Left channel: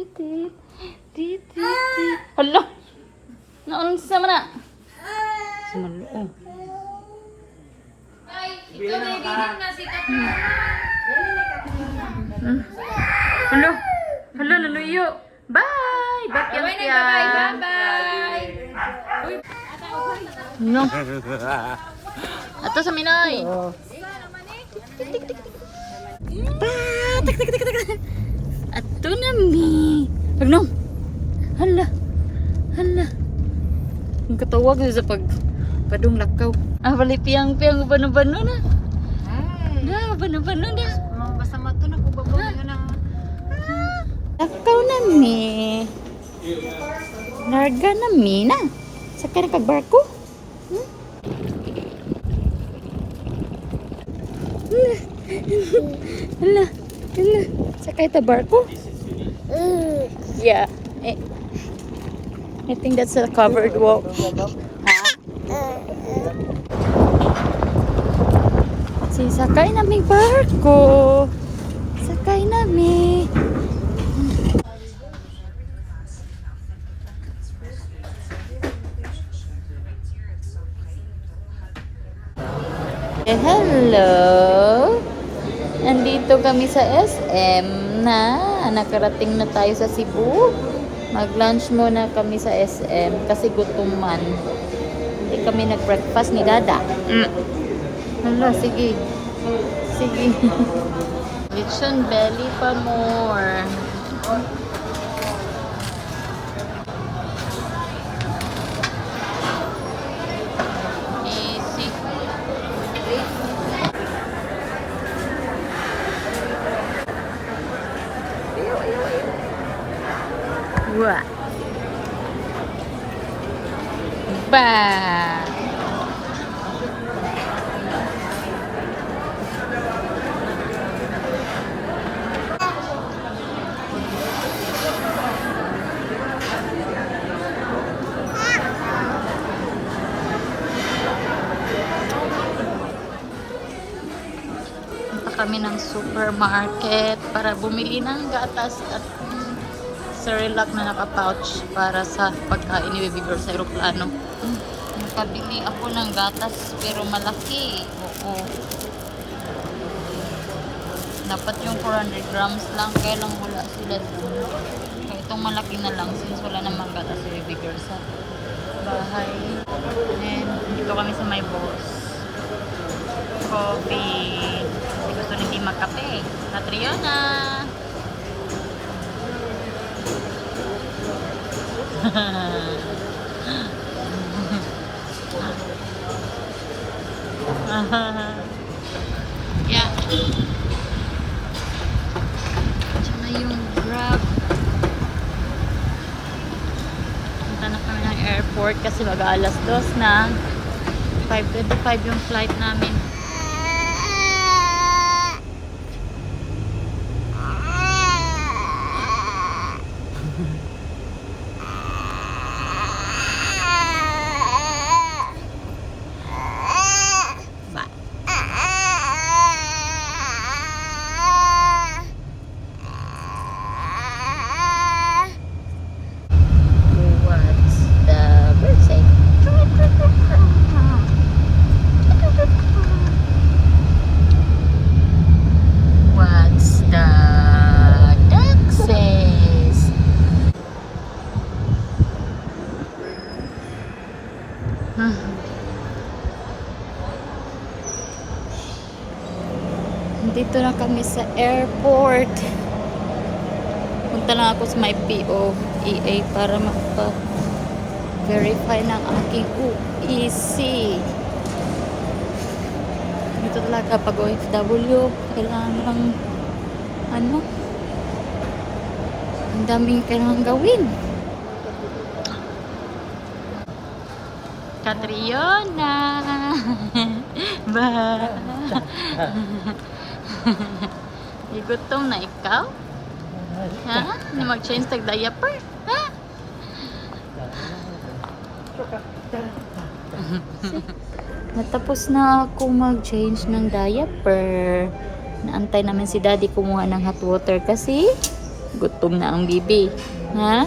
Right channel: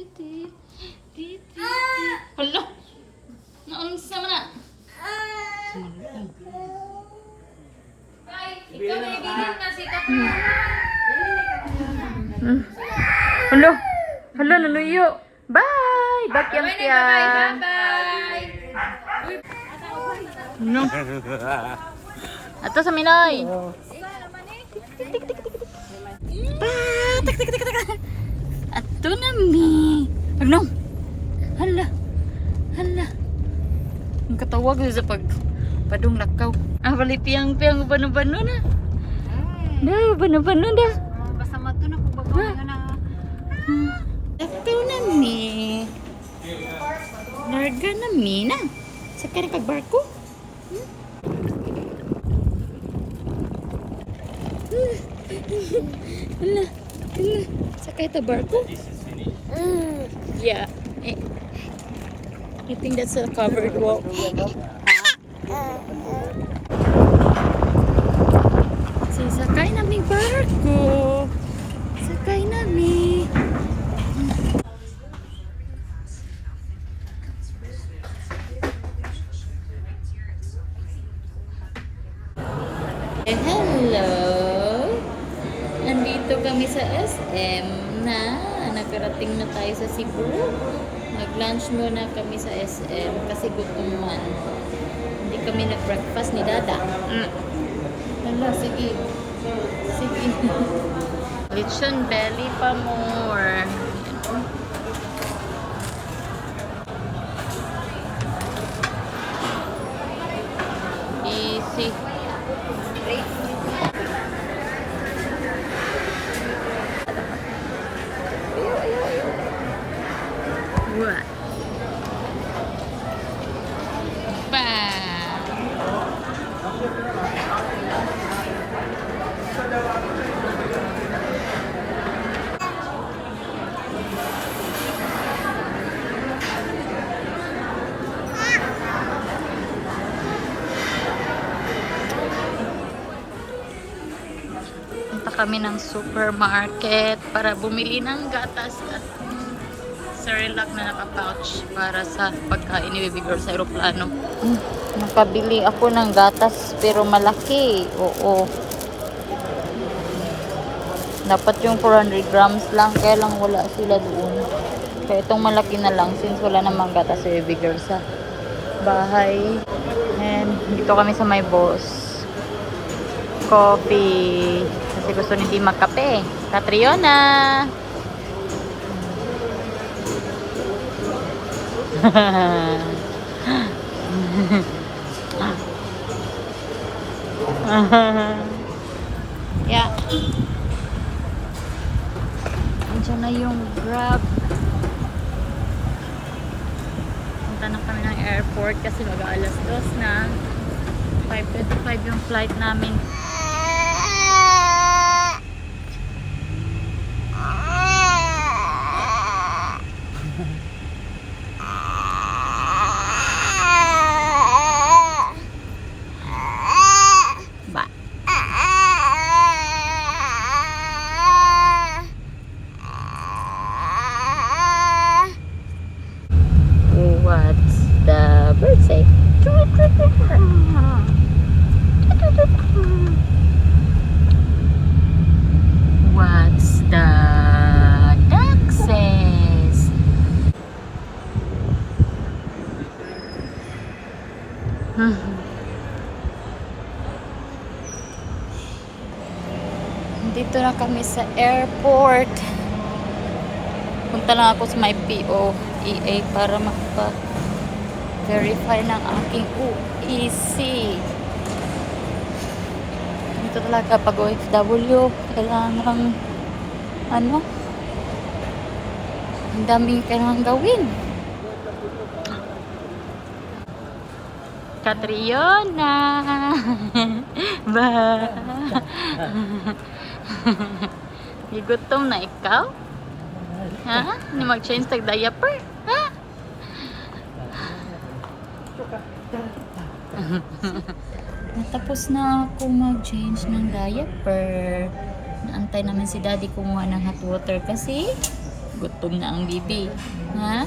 tit, tit, tit. Hala! Naunsa man na? Sumalong. Ikaw na yung na sikat. Hala! Hala, naluyo. Bye! Bakyang tiyan. Bye-bye. No. Ato sa Minoy. Ato na mi. Agno. Hala. Hala. Ang katawag na sa padung lakaw. Ah, bali piyang bano-bano na. Na, bano-bano na. Basta mato na kung bago nga na. Lakaw na mi. Larga na mi na. Sakay na kagbarko. Hala. Hala. Sakay ta barko. Yeah. I think that's a covered walk. So, sakay namin barko. Sakay namin. Hello! Nandito kami sa SM na. Nakarating na tayo sa Cebu. Mag-lunch muna kami sa SM kasi gutuman. Hindi kami nag-breakfast ni Dada. Hala, sige. Sige. Lechon belly pa more. Easy. Wah. Ba. Punta kami ng supermarket para bumili ng gatas at Cerelac na naka-pouch para sa pagkain ni Baby Girl sa aeroplano. Nakabili ako ng gatas pero malaki. Oo. Dapat yung 400 grams lang kaya lang wala sila doon. Kaya itong malaki na lang since wala namang gatas sa Baby Girl sa bahay. And dito kami sa my boss. Coffee. Kasi gusto ni Di magkape. Catriona! Yeah. Diyan na yung Grab. Punta na kami ng airport kasi mag-aalas 2 na. 5:25 yung flight namin. What's the duck says? Dito na kami sa airport. Punta lang ako sa my POEA para makapa-verify ng aking UEC. Ito talaga pag OFW, kailangan lang ang daming kailangan gawin. Catriona! Ba? Igutom na ikaw? Ha? Hindi mag-change tag diaper? Ha? Natapos na ako mag-change ng diaper. Naantay namin si Daddy kumuha ng hot water kasi Gutom na ang bibi. Ha?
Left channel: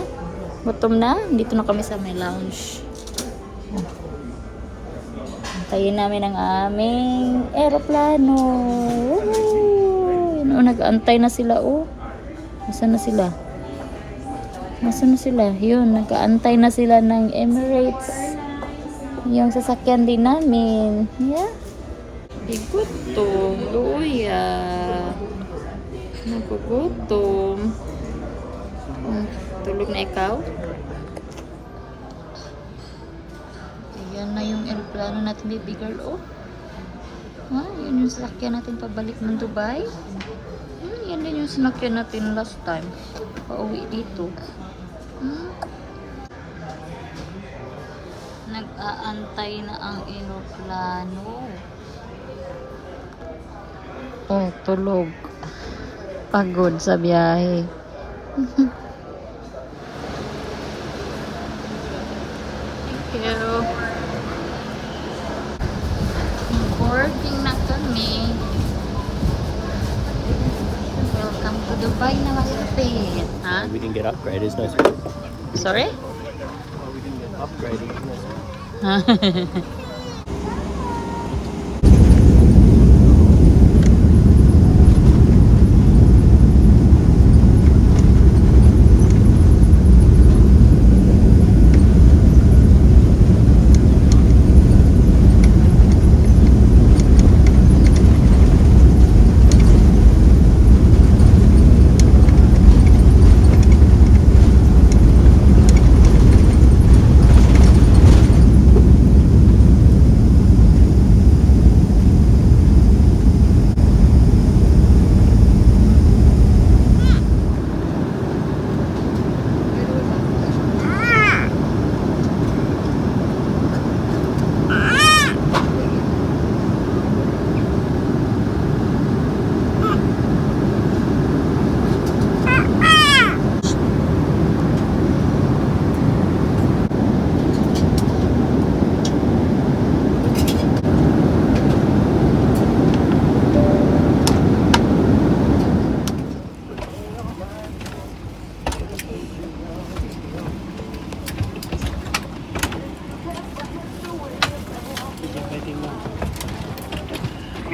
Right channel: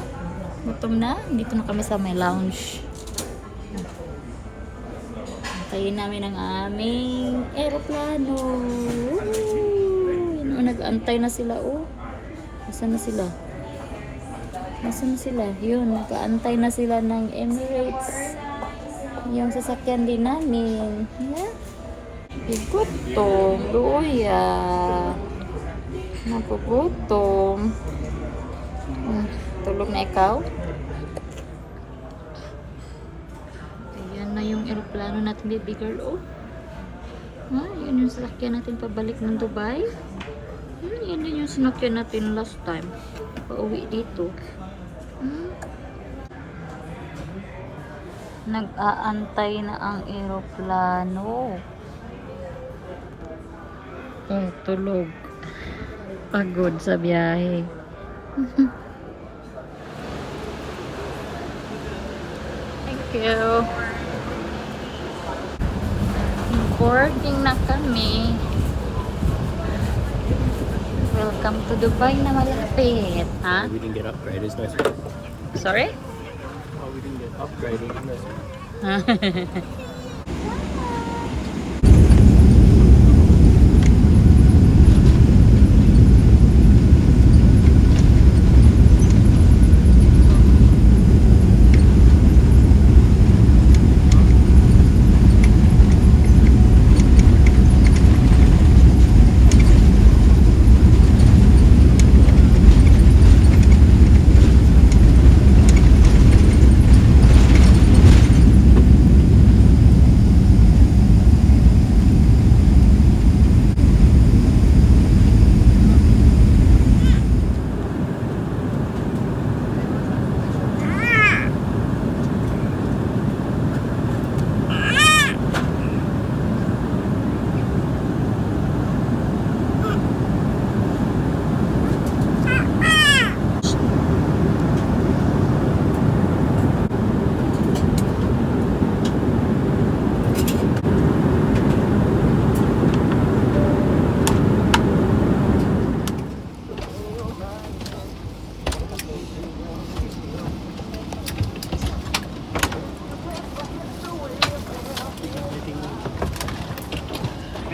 Gutom na? Dito na kami sa may lounge. Antayin namin ang aming aeroplano. Woohoo! Yun, nag-aantay na sila. Nasaan na sila? Nasaan na sila? Yun, nag-aantay na sila ng Emirates. Yung sasakyan din namin. Yeah. Gutom. Luya. Nagugutom. Tulog na ikaw? Ayan na yung aeroplano natin, baby girl. Yun yung sasakyan natin pabalik ng Dubai. Yan din yung sinakyan natin last time. Pauwi dito. Nag-aantay na ang aeroplano. Tulog. Pagod sa biyahe. Thank you. Boarding na kami. Welcome to Dubai na malapit. Ha? We didn't get upgraded, it's no Sorry? Oh, we didn't get upgraded, it's no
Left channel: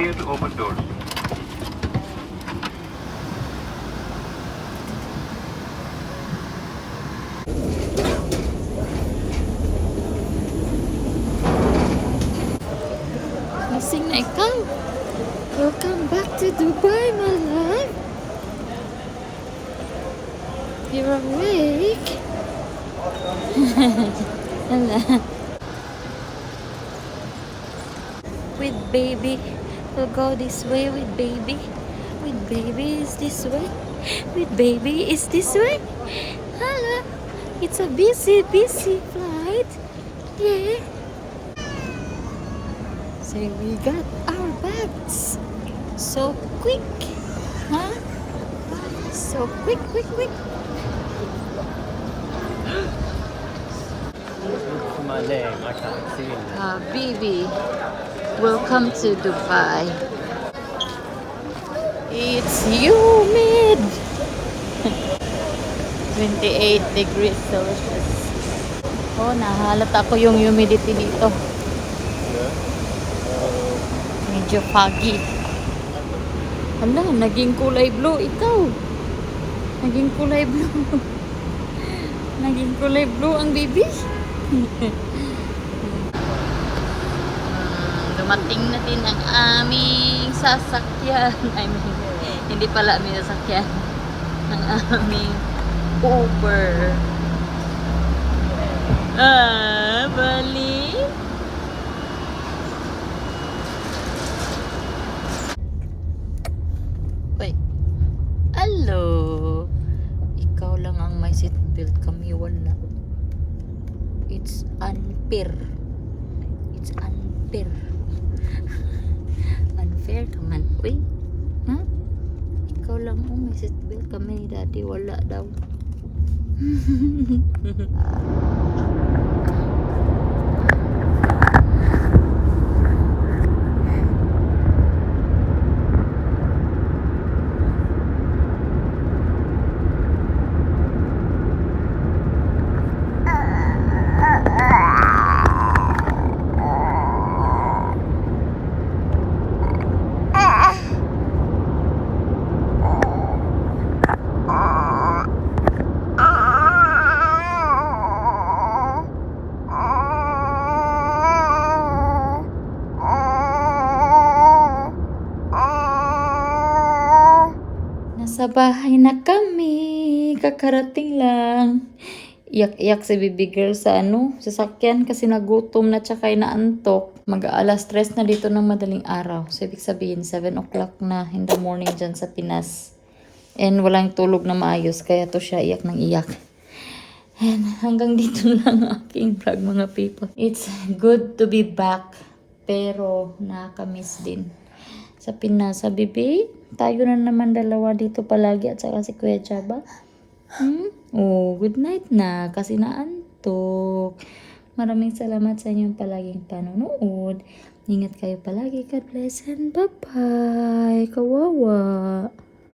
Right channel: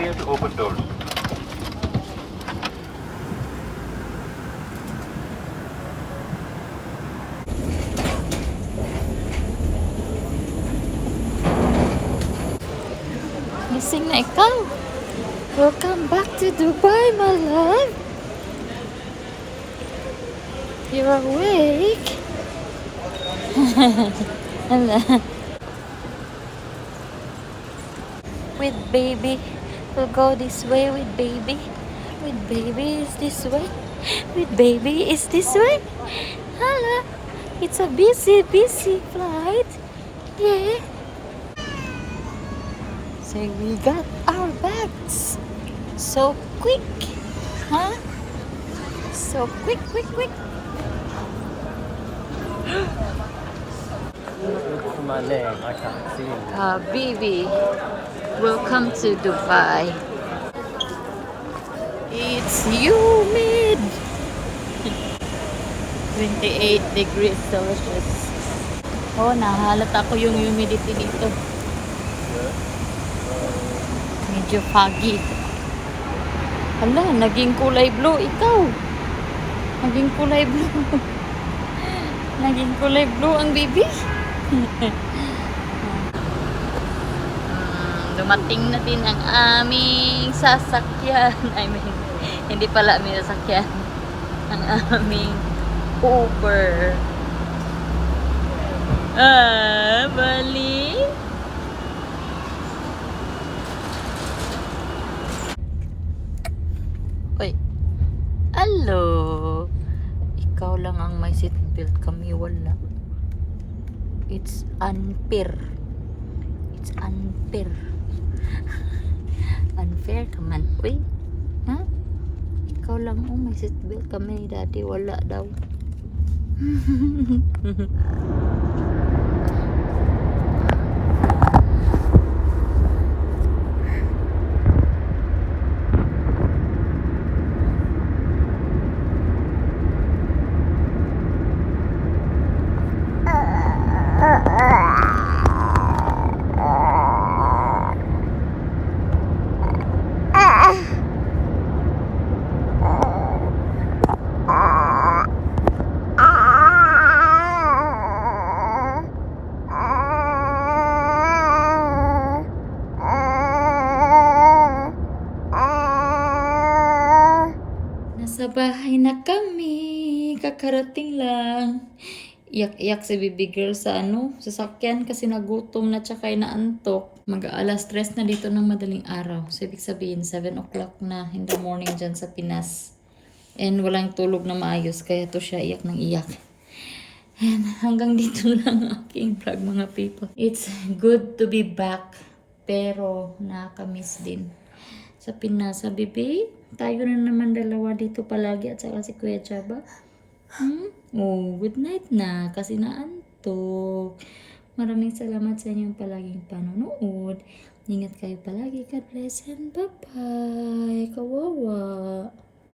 Clear to open doors. Gising na ikaw. Welcome back to Dubai, my love. You're awake. Hello. With baby. We'll go this way with baby. With baby is this way. With baby is this way. Hello. It's a busy flight. Yeah. So we got our bags. So quick. Huh? So quick. Look for my leg, I can't see him. Baby, welcome to Dubai. It's humid. 28 degrees Celsius. Nahalata ko yung humidity dito. Medyo foggy. Hala, naging kulay blue ikaw. Naging kulay blue. Naging kulay blue ang baby. Dumating na din ang aming sasakyan. I mean, hindi pala aming sasakyan. Ang aming Uber. Bali. Uy. Hello. Ikaw lang ang may seatbelt, kami wala. It's unfair. It's unfair. Unfair naman. Uy. Ha? Ikaw lang ang may seatbelt, kami ni daddy wala daw. Nasa bahay na kami. Kakarating lang. Iyak-iyak si baby girl sa sasakyan kasi nagutom na tsaka inaantok. Mag-aalas 3 na dito ng madaling araw. So, ibig sabihin, 7 o'clock na in the morning dyan sa Pinas. And walang tulog na maayos. Kaya to siya iyak ng iyak. And hanggang dito lang aking vlog, mga people. It's good to be back. Pero nakakamiss din sa Pinas. Sabi, babe, tayo na naman dalawa dito palagi at saka si Kuya Chaba. Oh, good night na kasi naantok. Maraming salamat sa inyong palaging panonood. Ingat kayo palagi. God bless and bye-bye. Kawawa.